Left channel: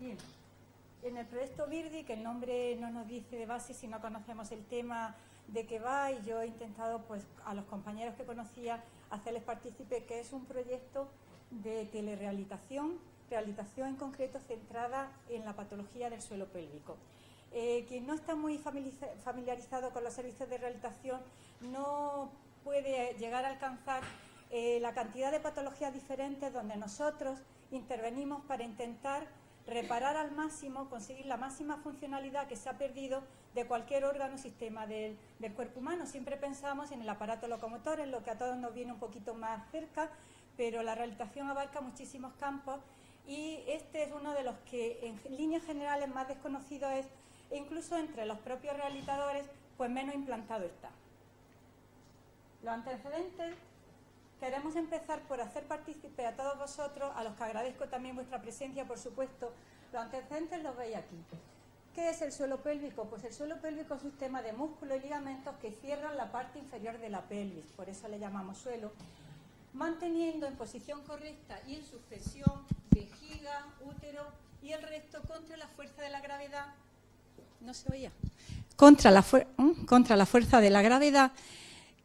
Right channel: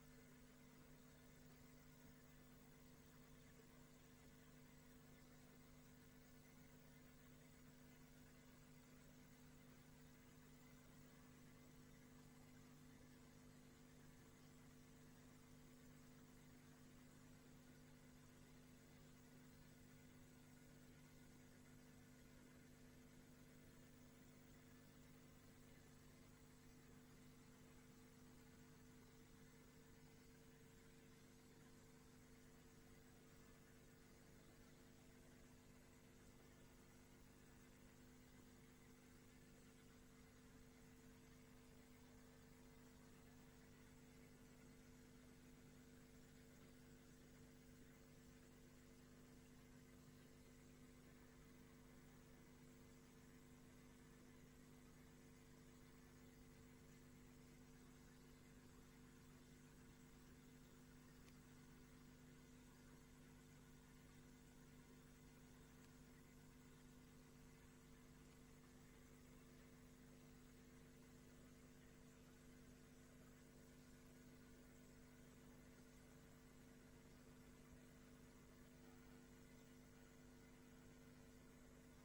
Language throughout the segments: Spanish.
Bien, en el proyecto Virdi, que el nombre no nos dice de base si no conocemos el tema de qué va, y yo he intentado, pues, a los compañeros que conocía, hacerles partícipe que es un proyecto de telerehabilitación, realización en concreto centrada en la patología del suelo pélvico. Quien no está muy familiarizado con los servicios de rehabilitación no puede llegar a alcanzar la cantidad de patologías diferentes donde nosotros intervenimos para intentar reparar al máximo, conseguir la máxima funcionalidad que se ha perdido de cualquier órgano o sistema del cuerpo humano. Siempre pensamos en el aparato locomotor, en lo que a todos nos viene un poquito más cerca, pero la rehabilitación abarca muchísimos campos y este es uno de los que en líneas generales más desconocido es, e incluso entre los propios rehabilitadores, pues menos implantado está. Los antecedentes, queremos empezar por hacer partícipe a todos vosotros, a los que agradezco también vuestra presencia, por supuesto. Los antecedentes los veis aquí. ¿Qué es el suelo pélvico? Pues el suelo pélvico es un sistema de músculos y ligamentos que cierran la parte inferior de la pelvis, por eso le llamamos suelo, manteniendo en posición correcta y en suspensión vejiga, útero y el resto contra la fuerza de la gravedad. ¿No se oía? Contra la fuerza de la gravedad,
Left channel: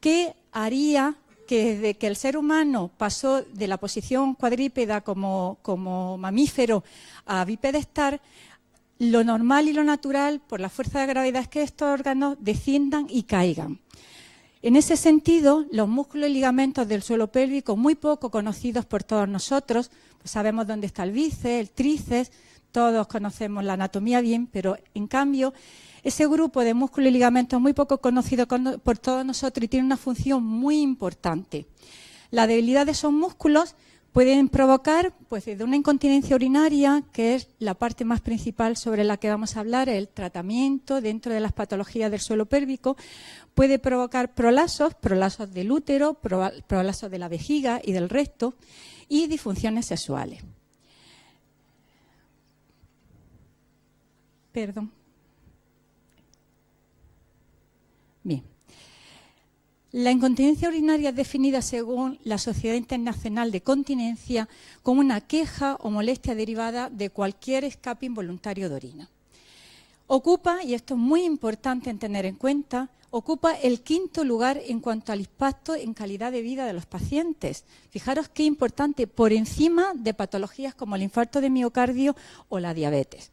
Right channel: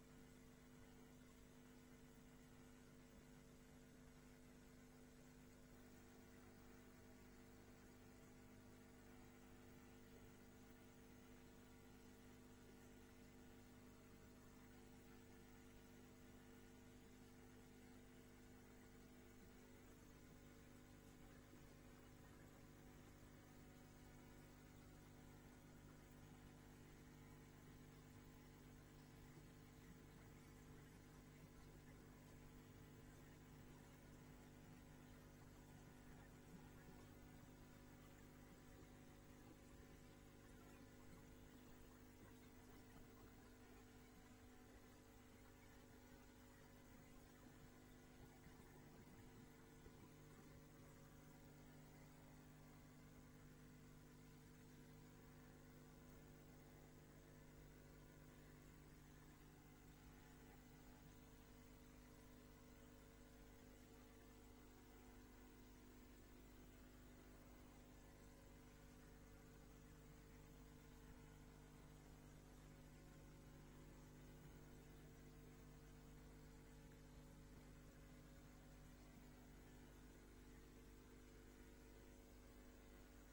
que haría que desde que el ser humano pasó de la posición cuadrípeda como mamífero a bipedestal, lo normal y lo natural por la fuerza de gravedad es que estos órganos desciendan y caigan. En ese sentido, los músculos y ligamentos del suelo pélvico, muy poco conocidos por todos nosotros, pues sabemos dónde está el bíceps, el tríceps, todos conocemos la anatomía bien, pero en cambio ese grupo de músculos y ligamentos muy poco conocido por todos nosotros y tiene una función muy importante. La debilidad de esos músculos pueden provocar, pues, desde una incontinencia urinaria, que es la parte más principal sobre la que vamos a hablar, el tratamiento dentro de las patologías del suelo pélvico, puede provocar prolasos del útero, prolasos de la vejiga y del recto y disfunciones sexuales. Perdón. Bien. La incontinencia urinaria es definida según la Sociedad Internacional de Continencia como una queja o molestia derivada de cualquier escape involuntario de orina. Ocupa, y esto es muy importante en tener en cuenta, ocupa el 5º lugar en cuanto al impacto en calidad de vida de los pacientes. Fijaros qué importante, por encima de patologías como el infarto de miocardio o la diabetes.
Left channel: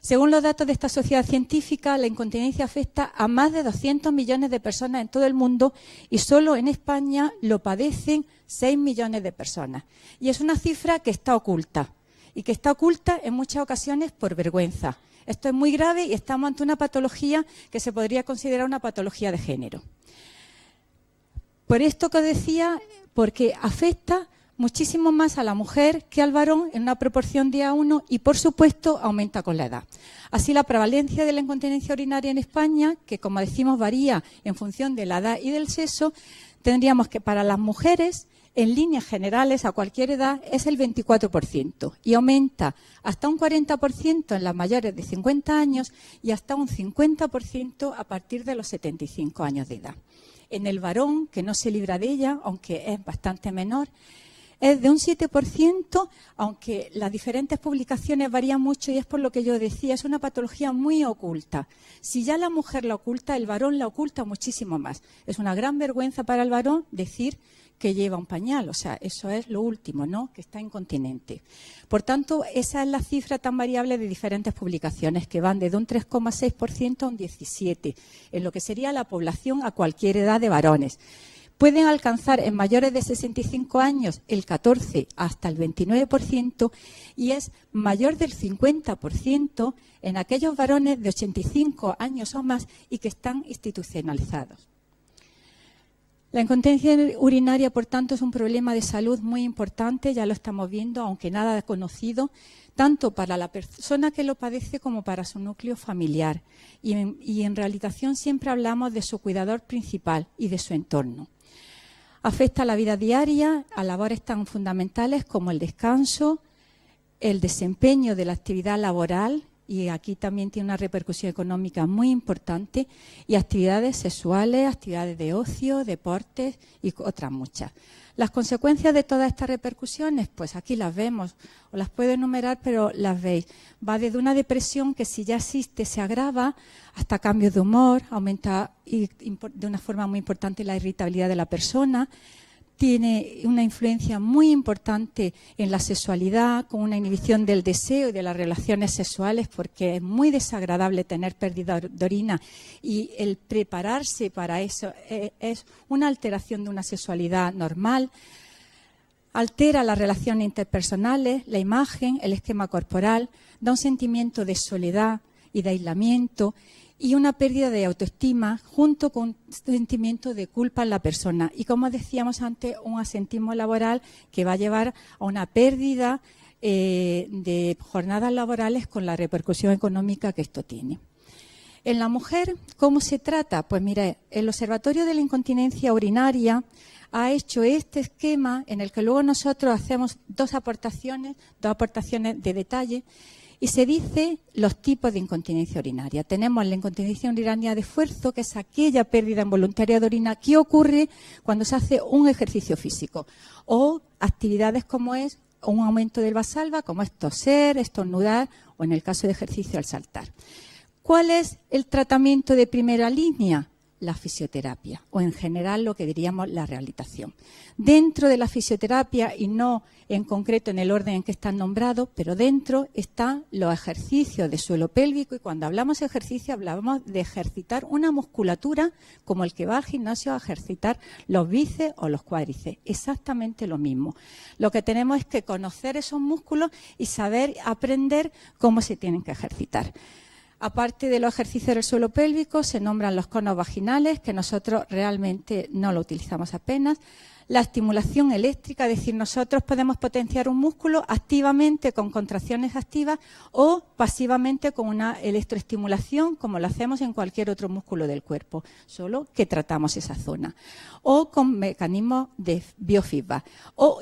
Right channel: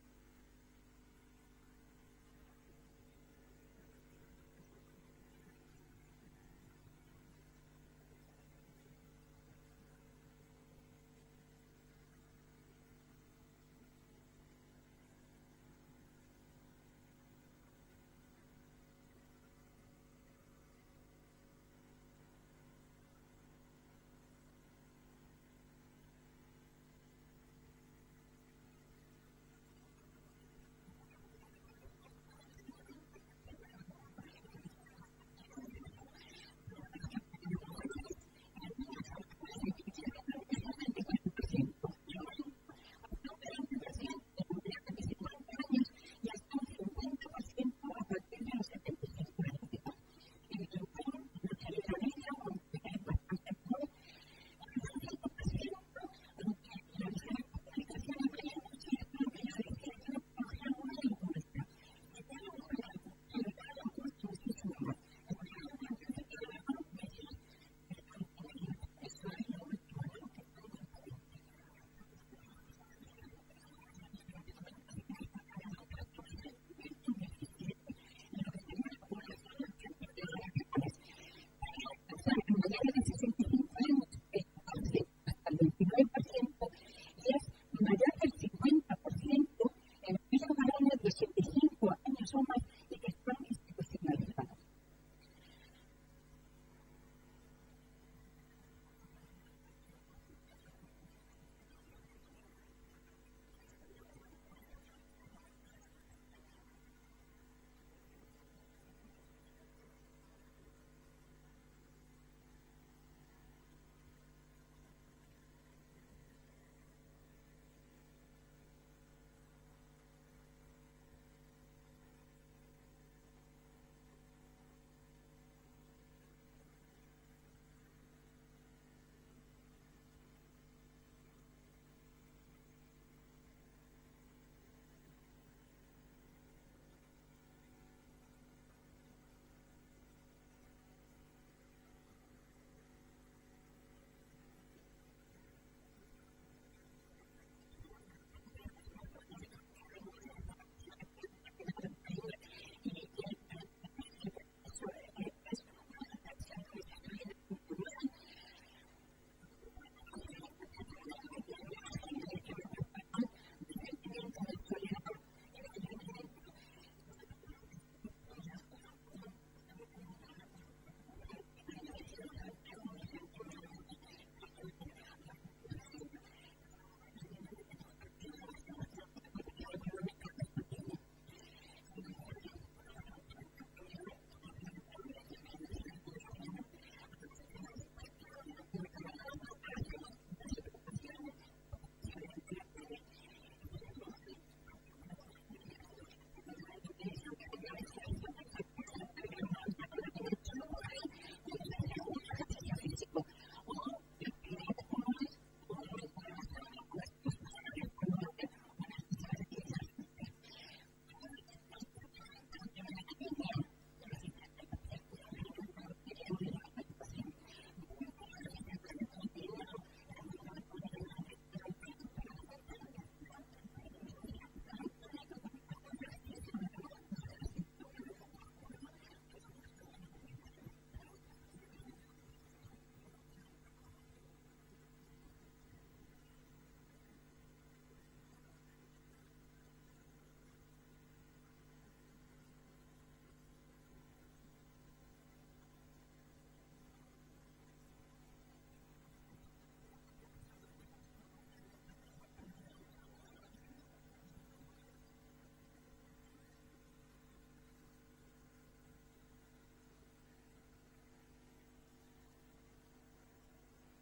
Según los datos de esta sociedad científica, la incontinencia afecta a más de 200 millones de personas en todo el mundo y solo en España lo padecen 6 millones de personas. Y es una cifra que está oculta, y que está oculta en muchas ocasiones por vergüenza. Esto es muy grave y estamos ante una patología que se podría considerar una patología de género. Por esto que os decía, porque afecta muchísimo más a la mujer que al varón en una proporción de A1 y, por supuesto, aumenta con la edad. Así, la prevalencia de la incontinencia urinaria en España, que como decimos varía en función de la edad y del sexo, tendríamos que para las mujeres, en líneas generales, a cualquier edad, es el 24% y aumenta hasta un 40% en las mayores de 50 años y hasta un 50% a partir de los 75 años de edad. En el varón, que no se libra de ella, aunque es bastante menor, es de un 7%, aunque las diferentes publicaciones varían mucho y es por lo que yo decía, es una patología muy oculta. Si ya la mujer la oculta, el varón la oculta muchísimo más. Es una gran vergüenza para el varón decir que lleva un pañal, o sea, eso es lo último, ¿no?, que está incontinente. Por tanto, esa es la cifra tan variable de diferentes publicaciones, que van desde un 3,6% a un 17%, en lo que sería la población a cualquier edad de varones. Pueden alcanzar en mayores de 65 años el 14 hasta el 29% y es mayor del 50% en aquellos varones de 85 años o más y que están institucionalizados. La incontinencia urinaria, por tanto, es un problema de salud muy importante, ya lo estamos viendo, aunque nada conocido, tanto para la persona que lo padece como para su núcleo familiar. Y en rehabilitación siempre hablamos de su cuidador principal y de su entorno. Afecta a la vida diaria, a labores tan fundamentales como el descanso, el desempeño de la actividad laboral, y aquí también tiene una repercusión económica muy importante, y actividades sexuales, actividades de ocio, deportes y otras muchas. Las consecuencias de todas estas repercusiones, pues aquí las vemos, os las puedo enumerar, pero las veis. Va desde una depresión que si ya existe se agrava, hasta cambios de humor, aumenta de una forma muy importante la irritabilidad de la persona, tiene una influencia muy importante en la sexualidad, con una inhibición del deseo y de las relaciones sexuales, porque es muy desagradable tener pérdida de orina y el prepararse para eso es una alteración de una sexualidad normal. Altera las relaciones interpersonales, la imagen, el esquema corporal, da un sentimiento de soledad y de aislamiento y una pérdida de autoestima junto con un sentimiento de culpa en la persona. Y como decíamos antes, un asentismo laboral que va a llevar a una pérdida de jornadas laborales con la repercusión económica que esto tiene. En la mujer, ¿cómo se trata? Pues mire, el Observatorio de la Incontinencia Urinaria ha hecho este esquema en el que luego nosotros hacemos dos aportaciones de detalle. Y se dice los tipos de incontinencia urinaria. Tenemos la incontinencia urinaria de esfuerzo, que es aquella pérdida involuntaria de orina que ocurre cuando se hace un ejercicio físico o actividades como es un aumento del vasalva, como es toser, estornudar o en el caso de ejercicio al saltar. ¿Cuál es el tratamiento de primera línea? La fisioterapia o en general lo que diríamos la rehabilitación. Dentro de la fisioterapia y no en concreto en el orden en que están nombrados, pero dentro están los ejercicios de suelo pélvico y cuando hablamos de ejercicio hablamos de ejercitar una musculatura como el que va al gimnasio a ejercitar los bíceps o los cuádriceps. Exactamente lo mismo. Lo que tenemos es que conocer esos músculos y saber aprender cómo se tienen que ejercitar. Aparte de los ejercicios del suelo pélvico, se nombran los conos vaginales, que nosotros realmente no lo utilizamos apenas. La estimulación eléctrica, es decir, nosotros podemos potenciar un músculo activamente con contracciones activas o pasivamente con una electroestimulación, como lo hacemos en cualquier otro músculo del cuerpo, solo que tratamos esa zona. O con mecanismos de biofeedback.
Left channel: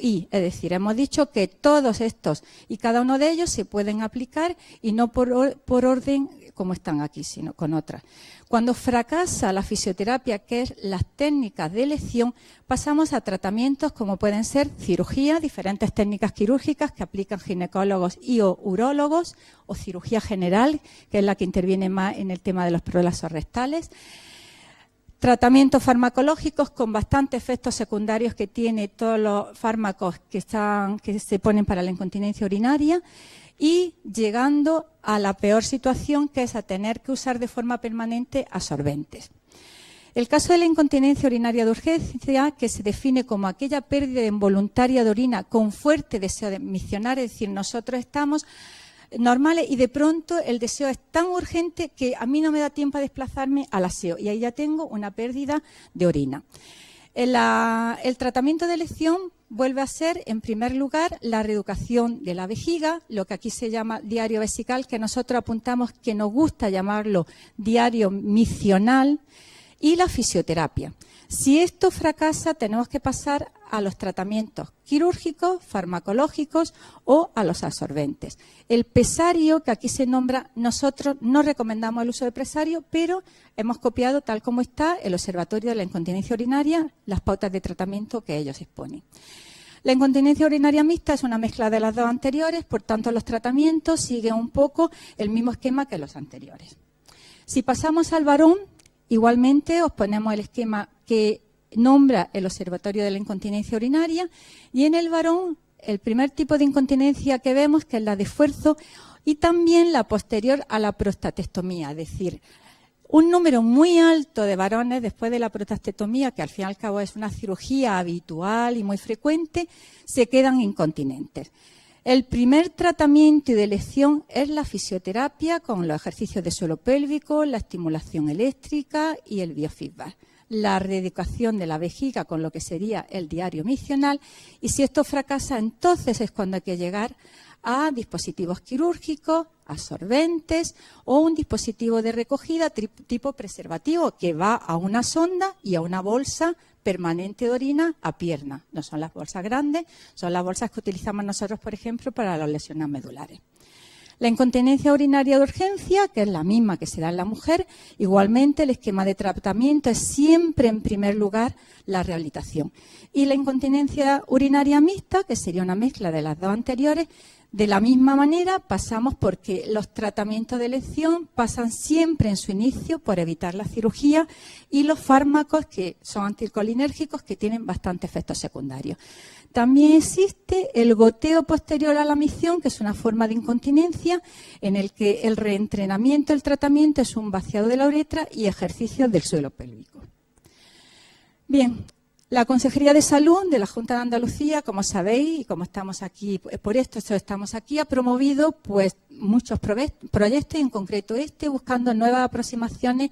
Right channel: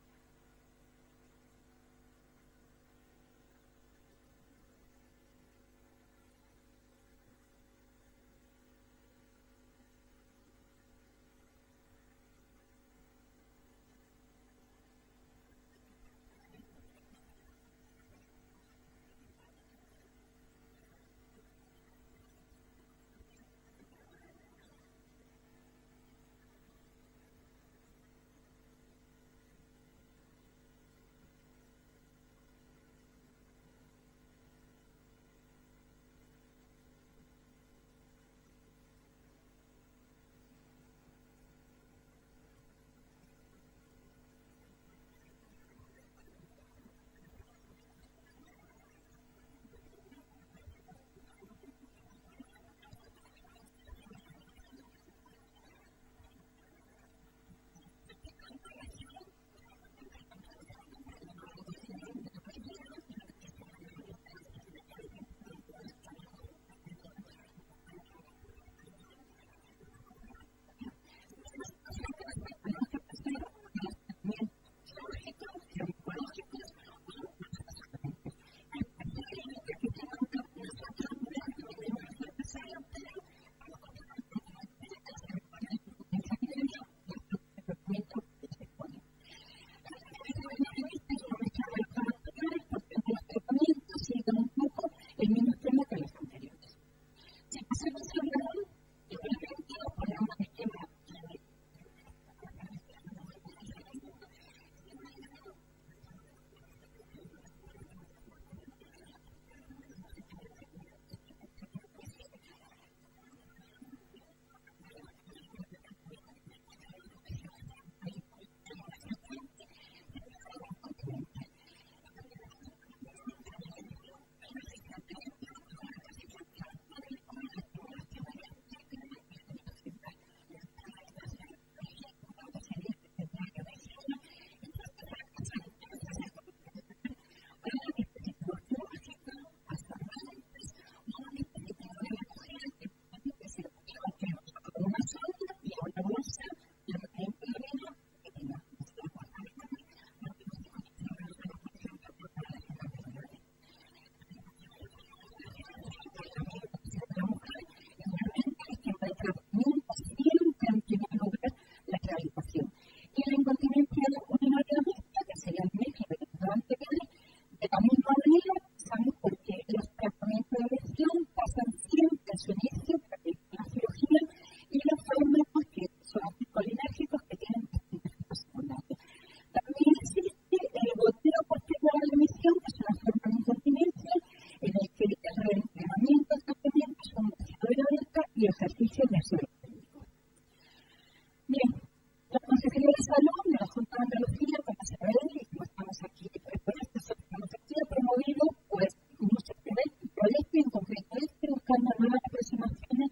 Es decir, hemos dicho que todos estos y cada uno de ellos se pueden aplicar y no por orden como están aquí, sino con otras. Cuando fracasa la fisioterapia, que es las técnicas de elección, pasamos a tratamientos como pueden ser cirugía, diferentes técnicas quirúrgicas que aplican ginecólogos y o urólogos, o cirugía general, que es la que interviene más en el tema de los prolasos rectales. Tratamientos farmacológicos con bastantes efectos secundarios que tiene todos los fármacos que se ponen para la incontinencia urinaria. Y llegando a la peor situación, que es a tener que usar de forma permanente absorbentes. El caso de la incontinencia urinaria de urgencia, que se define como aquella pérdida involuntaria de orina con fuerte deseo de misionar, es decir, nosotros estamos normales y de pronto el deseo es tan urgente que a mí no me da tiempo a desplazarme al aseo y ahí ya tengo una pérdida de orina. El tratamiento de elección vuelve a ser, en primer lugar, la reeducación de la vejiga, lo que aquí se llama diario vesical, que nosotros apuntamos que nos gusta llamarlo diario misional, y la fisioterapia. Si esto fracasa, tenemos que pasar a los tratamientos quirúrgicos, farmacológicos o a los absorbentes. El pesario, que aquí se nombra, nosotros no recomendamos el uso de pesario, pero hemos copiado, tal como está, el Observatorio de la Incontinencia Urinaria, las pautas de tratamiento que ellos exponen. La incontinencia urinaria mixta es una mezcla de las dos anteriores, por tanto los tratamientos siguen un poco el mismo esquema que los anteriores. Si pasamos al varón, igualmente os ponemos el esquema que nombra el Observatorio de la Incontinencia Urinaria y en el varón el primer tipo de incontinencia que vemos, que es la de esfuerzo, y también la posterior a la prostatectomía, es decir, un número muy alto de varones después de la prostatectomía, que al fin y al cabo es una cirugía habitual y muy frecuente, se quedan incontinentes. El primer tratamiento y de elección es la fisioterapia con los ejercicios de suelo pélvico, la estimulación eléctrica y el biofeedback. La reeducación de la vejiga con lo que sería el diario misional y si esto fracasa, entonces es cuando hay que llegar a dispositivos quirúrgicos, absorbentes o un dispositivo de recogida tipo preservativo que va a una sonda y a una bolsa permanente de orina a pierna. No son las bolsas grandes, son las bolsas que utilizamos nosotros, por ejemplo, para las lesiones medulares. La incontinencia urinaria de urgencia, que es la misma que se da en la mujer, igualmente el esquema de tratamiento es siempre en primer lugar la rehabilitación. Y la incontinencia urinaria mixta, que sería una mezcla de las dos anteriores, de la misma manera pasamos porque los tratamientos de elección pasan siempre en su inicio por evitar la cirugía y los fármacos que son anticolinérgicos que tienen bastantes efectos secundarios. También existe el goteo posterior a la micción, que es una forma de incontinencia en el que el reentrenamiento del tratamiento es un vaciado de la uretra y ejercicios del suelo pélvico. Bien, la Consejería de Salud de la Junta de Andalucía, como sabéis, y como estamos aquí, por esto estamos aquí, ha promovido pues muchos proyectos, y en concreto buscando nuevas aproximaciones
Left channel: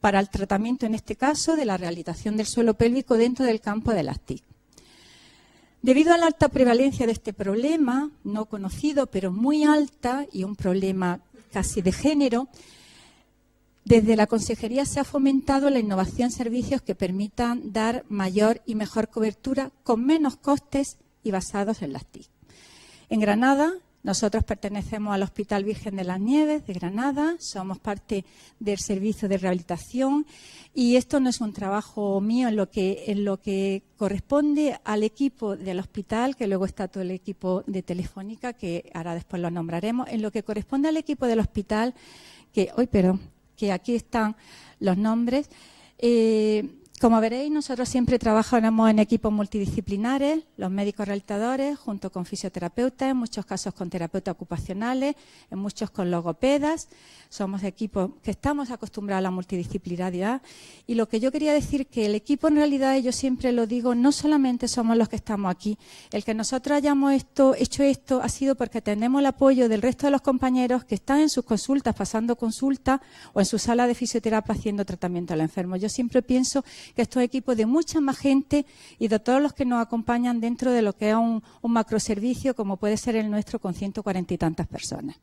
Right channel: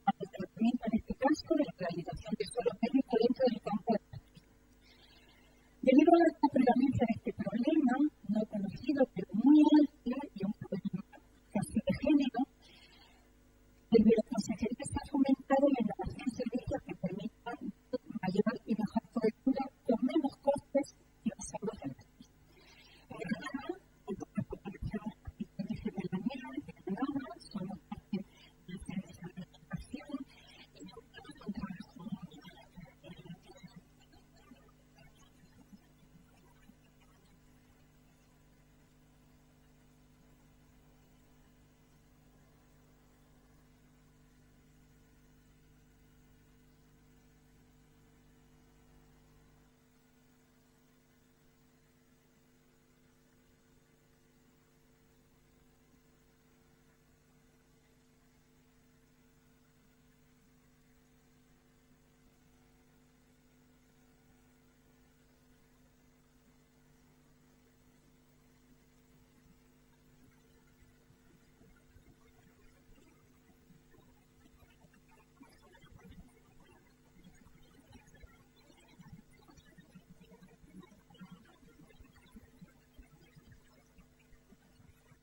para el tratamiento, en este caso, de la rehabilitación del suelo pélvico dentro del campo de las TIC. Debido a la alta prevalencia de este problema, no conocido, pero muy alta, y un problema casi de género, desde la Consejería se ha fomentado la innovación en servicios que permitan dar mayor y mejor cobertura con menos costes y basados en las TIC. En Granada, nosotros pertenecemos al Hospital Virgen de las Nieves de Granada, somos parte del servicio de rehabilitación y esto no es un trabajo mío en lo que corresponde al equipo del hospital, que luego está todo el equipo de Telefónica, que ahora después lo nombraremos, en lo que corresponde al equipo del hospital, que aquí están los nombres. Como veréis, nosotros siempre trabajamos en equipos multidisciplinares, los médicos rehabilitadores, junto con fisioterapeutas, en muchos casos con terapeutas ocupacionales, en muchos con logopedas. Somos equipos que estamos acostumbrados a la multidisciplinaridad. Y lo que yo quería decir que el equipo, en realidad, y yo siempre lo digo, no solamente somos los que estamos aquí. El que nosotros hayamos hecho esto ha sido porque tenemos el apoyo del resto de los compañeros que están en sus consultas, pasando consultas, o en su sala de fisioterapia haciendo tratamiento al enfermo. Yo siempre pienso que estos equipos de mucha más gente y de todos los que nos acompañan dentro de lo que es un macroservicio como puede ser el nuestro con 140 y tantas personas.